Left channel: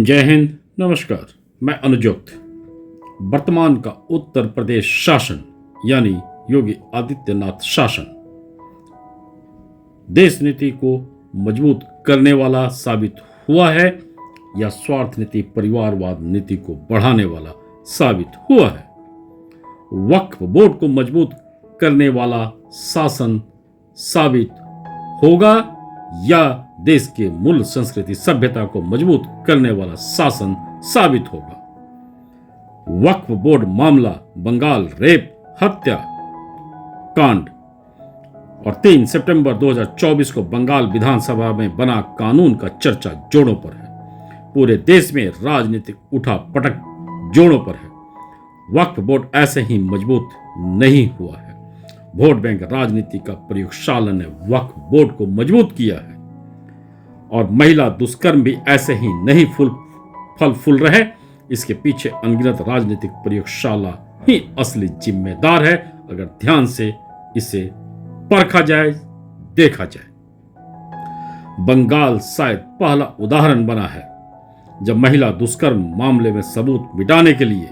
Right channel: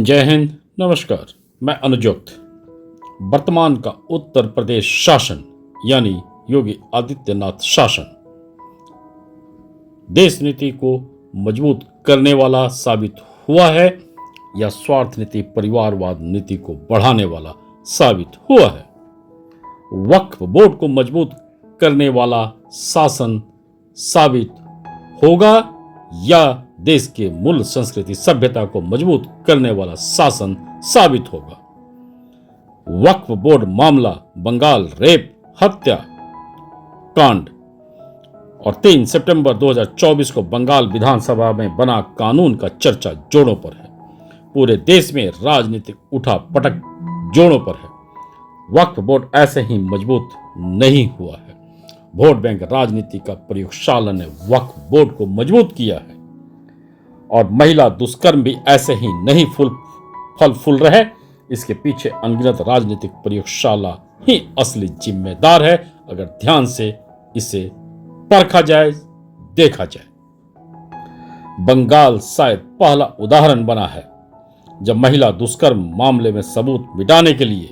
जय हिंद, नमस्कार। मैं अनुजोक्त। वर्तमान का उत्तर प्रदेश शासन यानी योगी आदित्यनाथ शासन देश नीति को मजबूत करने वाला साबित हुआ है या स्वार्थ नीति, परिवारवाद नीति को बढ़ाने वाला साबित हुआ है। वक्फ बोर्ड को मजबूत करने वाला शासन साबित होगा या देश के मूल संस्कृति सभ्यता को मजबूत करने वाला शासन साबित होगा। वक्फ बोर्ड मामला बंगाल रेप हत्या कांड और 3 सितंबर 2024 को बंगाल विधानसभा में बना कानून का चर्चा जोरों पर है। पूरे देश में राजनीतिक उठा पटक जोरों पर है। वक्फ बोर्ड ऐसे ही मजबूत नहीं हुआ है। वोट बैंक राजनीति का प्रयोगशाला ने वक्फ बोर्ड को मजबूत किया है और महिला दुष्कर्म भी ऐसे ही नहीं फल फूल रहे। इसके पीछे अनगिनत राजनीतिक प्रयोगशाला ही असली जिम्मेदार है, अगर ध्यान से इसे परखा जाए, देखा जाए। बंगाल शायद पहला उदाहरण बना है जब महिला दुष्कर्म मामले में सबूत मिटाने के लिए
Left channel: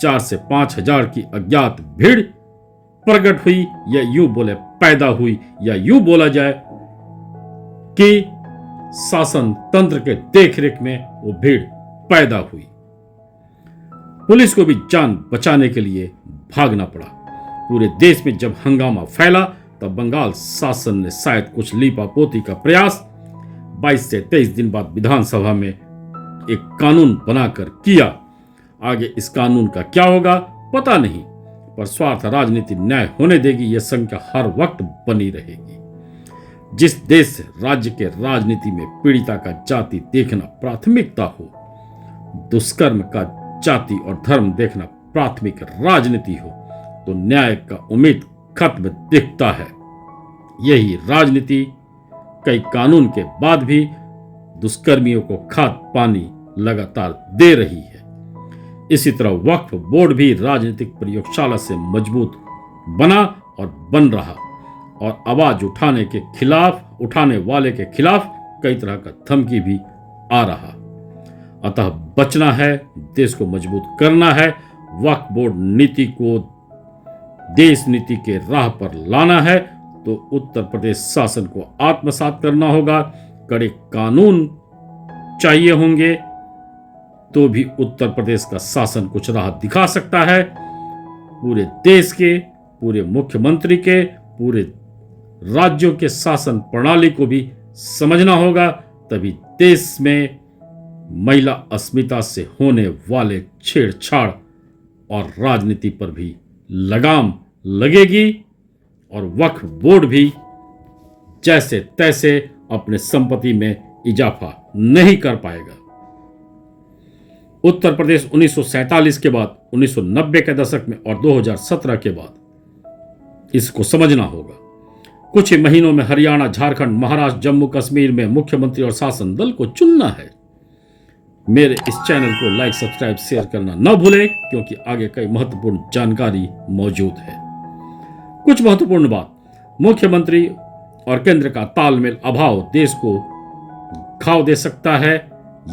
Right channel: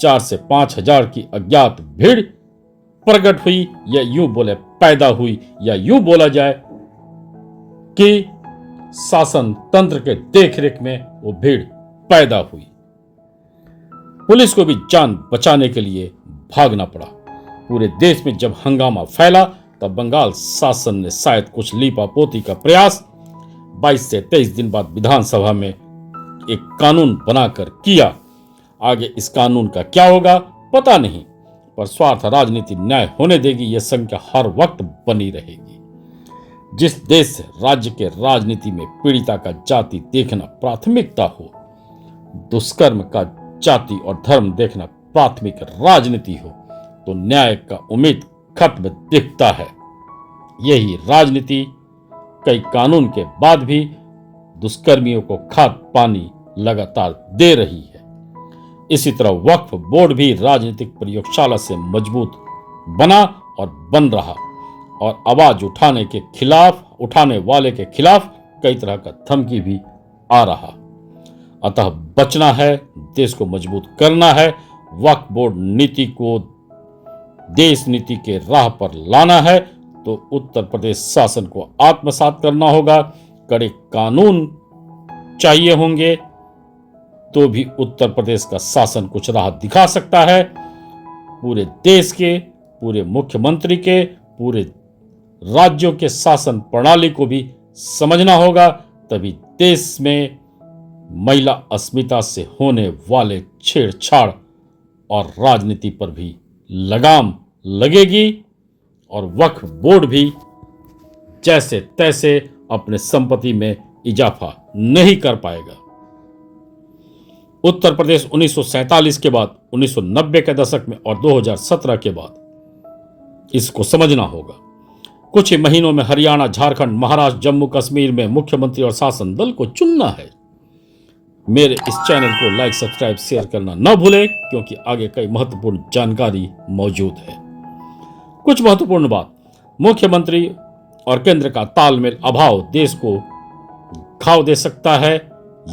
4 से 5 हजार की अज्ञात भीड़ प्रकट हुई, या यूं बोले पैदा हुई, या यूं बोला जाए कि शासन तंत्र के देखरेख में वो भीड़ पैदा हुई। पुलिस को भी जान बचाने के लिए भागना पड़ा। पूरे देश में जब हंगामा फैला तब बंगाल शासन ने शायद कुछ लीपापोती का प्रयास 22 से 23 दिन बाद विधानसभा में एक कानून बनाकर किया। आगे इस कानून का क्या होगा पता नहीं, पर स्वार्थ राजनीति न्याय होने देगी, यह संख्या हर वक्त बनी रहेगी। जिस देश राज्य के राजनीति में पीड़िता का जाति देखना प्राथमिकता हो, दुष्कर्म का जाति और धर्म देखना प्राथमिक राजनीति हो, तो न्याय का उम्मीद खत्म दिखता है। यही राजनीति कई कानून के बाद भी दुष्कर्मियों को खाद पानी लगातार दे रही है। इसी तरह वक्फ बोर्ड भी राजनीतिक प्रयोगशाला से मजबूत बना और बन रहा, और आवाज उठाने वाले के खिलाफ कई तरह का धमकी भी आ रहा। अतः बचना है, देश को मजबूत करना है, वक्फ बोर्ड नीति को देश नीति के राह पर लाना है, तो उत्तर प्रदेश शासन को आत्मसात करना होगा। कड़े कानून चाहिए होंगे तो भी उत्तर प्रदेश का शासन कुछ राह दिखा सकता है। पूरे देश के, पूरे मुख्यमंत्री के, पूरे राज्यों के शासन प्रणाली को भी समझना होगा, तभी देश में महिला अस्मिता से होने वाले छेड़छाड़ और राजनीति पर भी लगाम लगेगी और वक्फ बोर्ड भी जैसे तैसे अपने संपत्ति में इजाफा नहीं कर पाएगा। उत्तर प्रदेश 1947 के बाद, 1990 के दशक में और 2017 के बाद इसको समझना होगा। कुछ ही महीनों में हरियाणा, झारखंड, महाराष्ट्र, जम्मू कश्मीर में मुख्यमंत्री और शासन दल को चुनना है। मेरे इस चैनल को लाइक, सब्सक्राइब, शेयर करना न भूलें, क्योंकि आगे कई महत्वपूर्ण जानकारी मौजूद है। कुछ महत्वपूर्ण बात, मुख्यमंत्री और केंद्र का तालमेल अभाव देश को घाव दे सकता है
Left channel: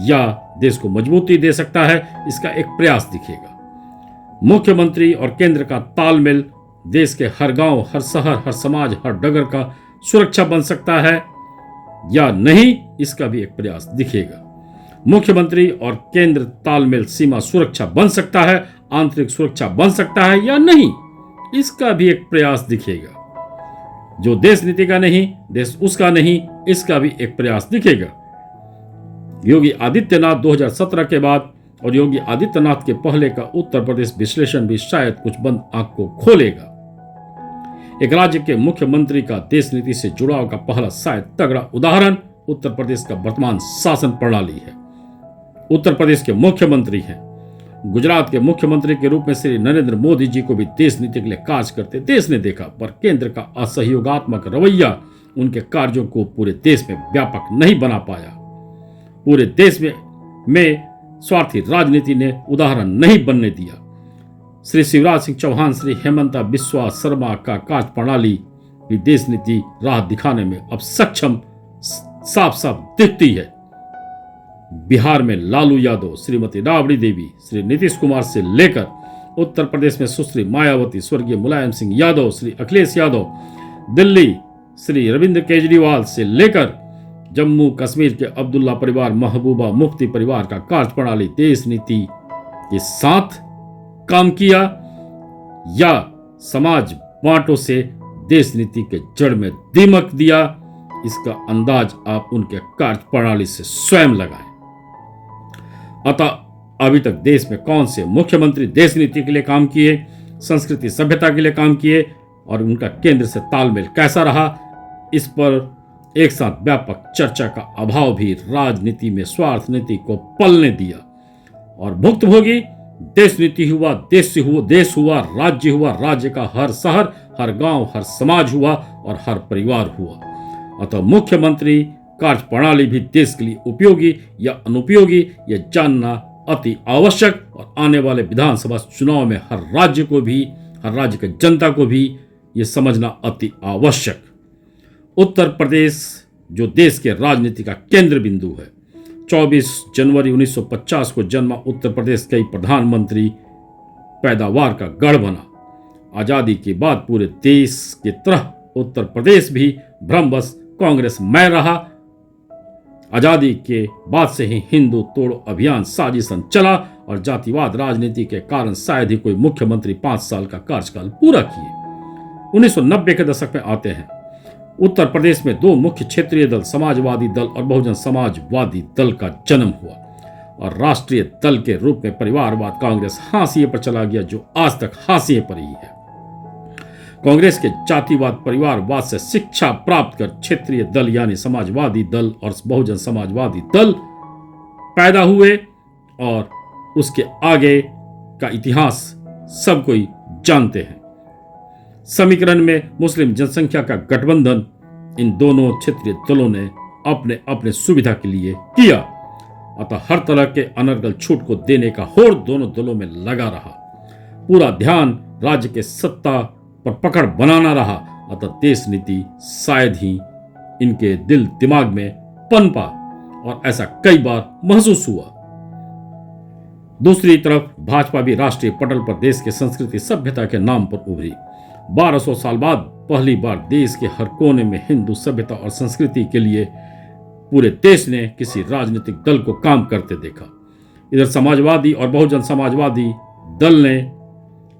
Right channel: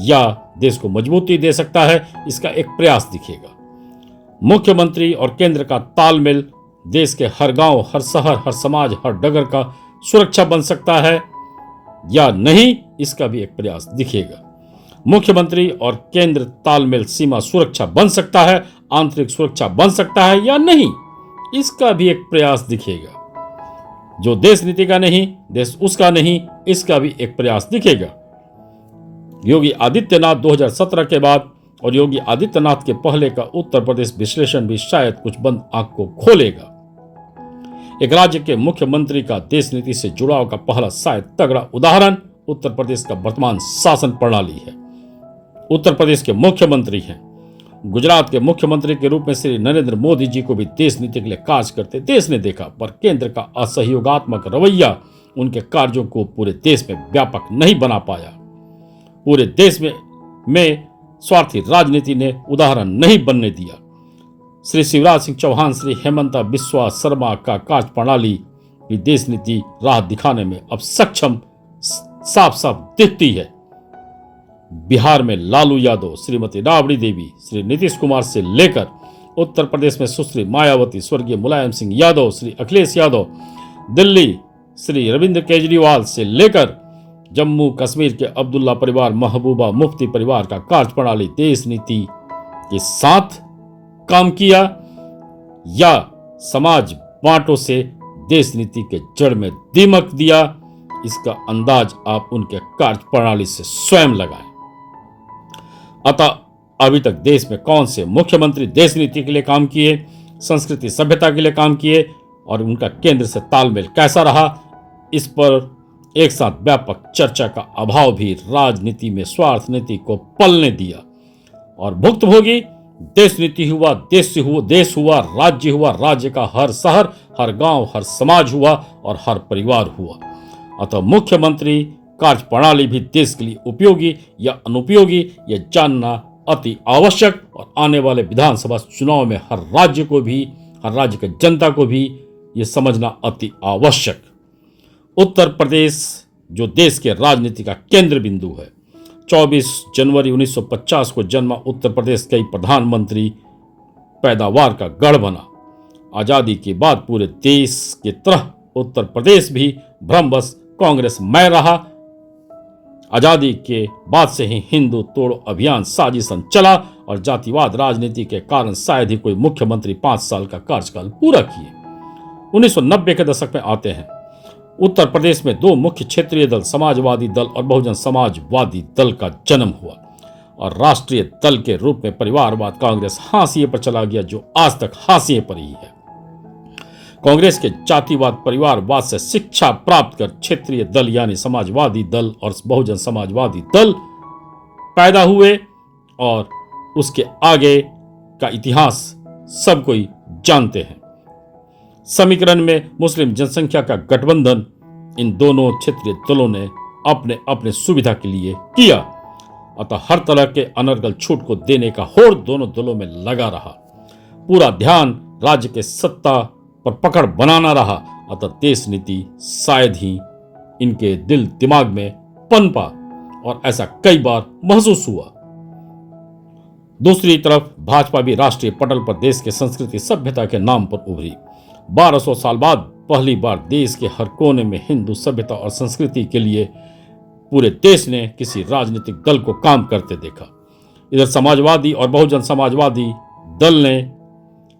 या देश को मजबूती दे सकता है, इसका एक प्रयास दिखेगा। मुख्यमंत्री और केंद्र का तालमेल देश के हर गांव, हर शहर, हर समाज, हर डगर का सुरक्षा बन सकता है या नहीं, इसका भी एक प्रयास दिखेगा। मुख्यमंत्री और केंद्र तालमेल सीमा सुरक्षा बन सकता है, आंतरिक सुरक्षा बन सकता है या नहीं, इसका भी एक प्रयास दिखेगा। जो देश नीति का नहीं, देश उसका नहीं, इसका भी एक प्रयास दिखेगा। योगी आदित्यनाथ 2017 के बाद और योगी आदित्यनाथ के पहले का उत्तर प्रदेश विश्लेषण भी शायद कुछ बंद आंख को खोलेगा। एक राज्य के मुख्यमंत्री का देश नीति से जुड़ाव का पहला शायद तगड़ा उदाहरण उत्तर प्रदेश का वर्तमान शासन प्रणाली है। उत्तर प्रदेश के मुख्यमंत्री हैं। गुजरात के मुख्यमंत्री के रूप में श्री नरेंद्र मोदी जी को भी देश नीति के लिए कार्य करते देश ने देखा, पर केंद्र का असहयोगात्मक रवैया उनके कार्यों को पूरे देश में व्यापक नहीं बना पाया। पूरे देश में स्वार्थी राजनीति ने उदाहरण नहीं बनने दिया। श्री शिवराज सिंह चौहान, श्री हेमंता बिस्वा शर्मा का कार्य प्रणाली भी देश नीति राह दिखाने में अब सक्षम साफ साफ दिखती है। बिहार में लालू यादव, श्रीमती राबड़ी देवी, श्री नीतीश कुमार से लेकर उत्तर प्रदेश में सुश्री मायावती, स्वर्गीय मुलायम सिंह यादव, श्री अखिलेश यादव, दिल्ली श्री अरविंद केजरीवाल से लेकर जम्मू कश्मीर के अब्दुल्ला परिवार, महबूबा मुफ्ती परिवार का कार्यप्रणाली देश नीति के साथ काम किया या समाज बांटों से देश नीति के जड़ में दीमक दिया, इसका अंदाज आप उनके कार्यप्रणाली से स्वयं लगाएं। अतः अभी तक देश में कौन से मुख्यमंत्री देश नीति के लिए काम किए, संस्कृति सभ्यता के लिए काम किए और उनका केंद्र से तालमेल कैसा रहा, इस पर एक साथ व्यापक चर्चा का अभाव भी राजनीति में स्वार्थ नीति को पलने दिया और भुक्तभोगी देश नीति हुआ, देश हुआ, राज्य का हर शहर, हर गांव, हर समाज हुआ और हर परिवार हुआ। अतः मुख्यमंत्री कार्यप्रणाली भी देश के लिए उपयोगी या अनुपयोगी यह जानना अति आवश्यक और आने वाले विधानसभा चुनाव में हर राज्य की जनता को भी यह समझना अति आवश्यक। उत्तर प्रदेश जो देश के राजनीति का केंद्र बिंदु है, 24 जनवरी 1950 को जन्मा उत्तर प्रदेश कई प्रधानमंत्री पैदावार का गढ़ बना। आजादी के बाद पूरे देश की तरह उत्तर प्रदेश भी भ्रमवश कांग्रेस में रहा। आजादी के बाद से ही हिंदू तोड़ो अभियान साजिशन चला और जातिवाद राजनीति के कारण शायद ही कोई मुख्यमंत्री 5 साल का कार्यकाल पूरा किए। 1990 के दशक में आते हैं। उत्तर प्रदेश में 2 मुख्य क्षेत्रीय दल, समाजवादी दल और बहुजन समाजवादी दल का जन्म हुआ और राष्ट्रीय दल के रूप में परिवारवाद कांग्रेस हाशिए पर चला गया, जो आज तक हाशिए पर ही है। कांग्रेस के जातिवाद परिवारवाद से शिक्षा प्राप्त कर क्षेत्रीय दल यानी समाजवादी दल और बहुजन समाजवादी दल पैदा हुए और उसके आगे का इतिहास सब कोई जानते हैं। समीकरण में मुस्लिम जनसंख्या का गठबंधन इन दोनों क्षेत्रीय दलों ने अपने अपने सुविधा के लिए किया। अतः हर तरह के अनर्गल छूट को देने का होड़ दोनों दलों में लगा रहा। पूरा ध्यान राज्य के सत्ता पर पकड़ बनाना रहा। अतः देश नीति शायद ही इनके दिल दिमाग में पनपा और ऐसा कई बार महसूस हुआ। दूसरी तरफ भाजपा भी राष्ट्रीय पटल पर देश के संस्कृति सभ्यता के नाम पर उभरी। 1200 साल बाद पहली बार देश के हर कोने में हिंदू सभ्यता और संस्कृति के लिए पूरे देश ने किसी राजनीतिक दल को काम करते देखा। इधर समाजवादी और बहुजन समाजवादी दल ने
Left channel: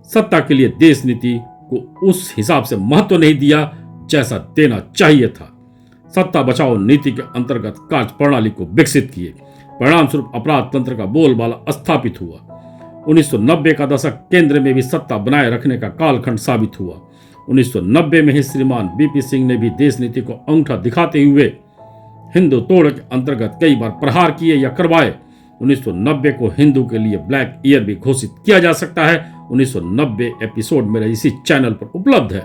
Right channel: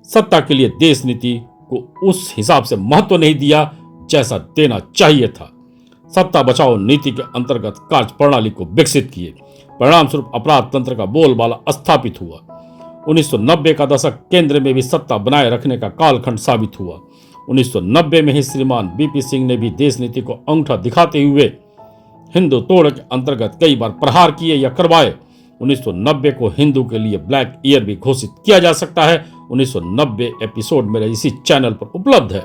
सत्ता के लिए देश नीति को उस हिसाब से महत्व नहीं दिया जैसा देना चाहिए था। सत्ता बचाओ नीति के अंतर्गत कार्यप्रणाली को विकसित किए। परिणाम स्वरूप अपराध तंत्र का बोलबाला स्थापित हुआ। 1990 का दशक केंद्र में भी सत्ता बनाए रखने का कालखंड साबित हुआ। 1990 में ही श्रीमान बीपी सिंह ने भी देश नीति को अंगूठा दिखाते हुए हिंदू तोड़ के अंतर्गत कई बार प्रहार किए या करवाए। 1990 को हिंदू के लिए ब्लैक ईयर भी घोषित किया जा सकता है। 1990 एपिसोड मेरे इसी चैनल पर उपलब्ध है।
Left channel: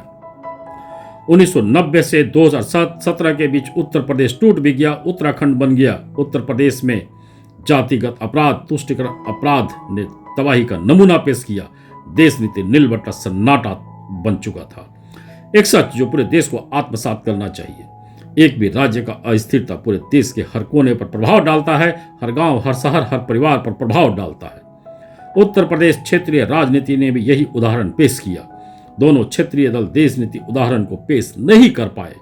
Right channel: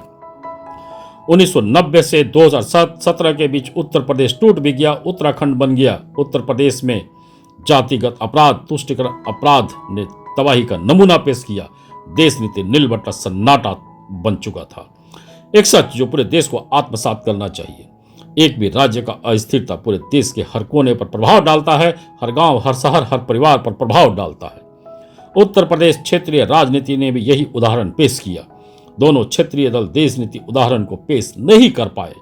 1990 से 2017 के बीच उत्तर प्रदेश टूट भी गया, उत्तराखंड बन गया। उत्तर प्रदेश में जातिगत अपराध, तुष्टिकरण अपराध ने तबाही का नमूना पेश किया। देश नीति नीलबट्टा सन्नाटा बन चुका था। एक सच जो पूरे देश को आत्मसात करना चाहिए। एक भी राज्य का अस्थिरता पूरे देश के हर कोने पर प्रभाव डालता है, हर गांव, हर शहर, हर परिवार पर प्रभाव डालता है। उत्तर प्रदेश क्षेत्रीय राजनीति ने भी यही उदाहरण पेश किया। दोनों क्षेत्रीय दल देश नीति उदाहरण को पेश नहीं कर पाए।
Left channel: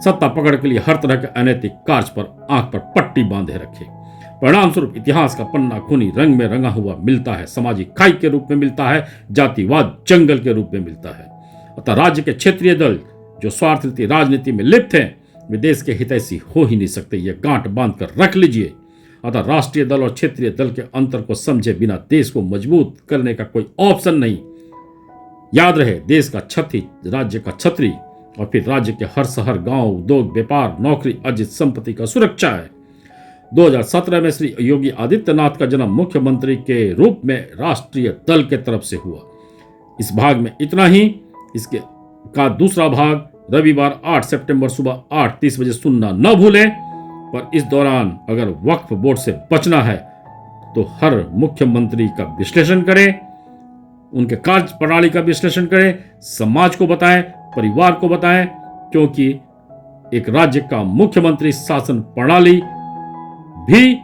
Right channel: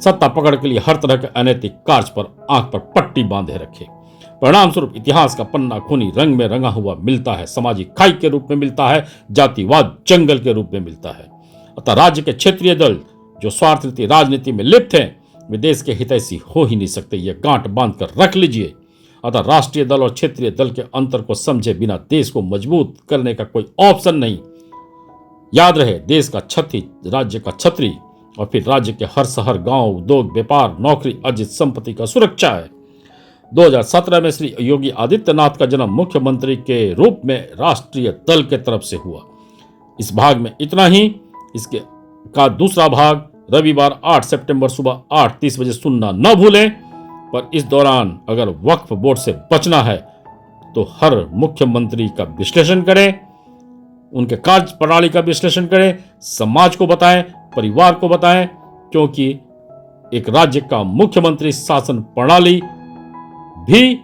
सत्ता पकड़ के लिए हर तरह के अनैतिक कार्य पर आंख पर पट्टी बांधे रखे। परिणाम स्वरूप इतिहास का पन्ना खूनी रंग में रंगा हुआ मिलता है। सामाजिक खाई के रूप में मिलता है, जातिवाद जंगल के रूप में मिलता है। अतः राज्य के क्षेत्रीय दल जो स्वार्थनीति राजनीति में लिप्त हैं, वे देश के हितैषी हो ही नहीं सकते। यह गांठ बांध कर रख लीजिए। अतः राष्ट्रीय दल और क्षेत्रीय दल के अंतर को समझे बिना देश को मजबूत करने का कोई ऑप्शन नहीं। याद रहे, देश का छत्री राज्य का छत्री और फिर राज्य के हर शहर, गांव, उद्योग, व्यापार, नौकरी, अर्जित संपत्ति का सुरक्षा है। 2017 में श्री योगी आदित्यनाथ का जन्म मुख्यमंत्री के रूप में राष्ट्रीय दल के तरफ से हुआ। इस भाग में इतना ही। इसके का दूसरा भाग रविवार 8 सितंबर सुबह 8:30 बजे सुनना न भूलें। पर इस दौरान अगर वक्फ बोर्ड से बचना है तो हर मुख्यमंत्री का विश्लेषण करें, उनके कार्य प्रणाली का विश्लेषण करें, समाज को बताएं, परिवार को बताएं, क्योंकि एक राज्य का मुख्यमंत्री शासन प्रणाली भी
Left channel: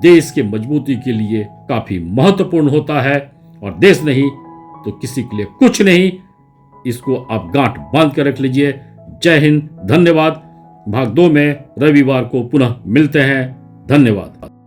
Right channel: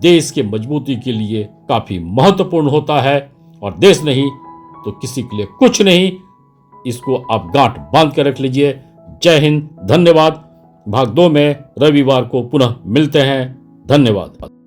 देश के मजबूती के लिए काफी महत्वपूर्ण होता है, और देश नहीं तो किसी के लिए कुछ नहीं। इसको आप गांठ बांध कर रख लीजिए। जय हिंद, धन्यवाद। भाग 2 में रविवार को पुनः मिलते हैं। धन्यवाद।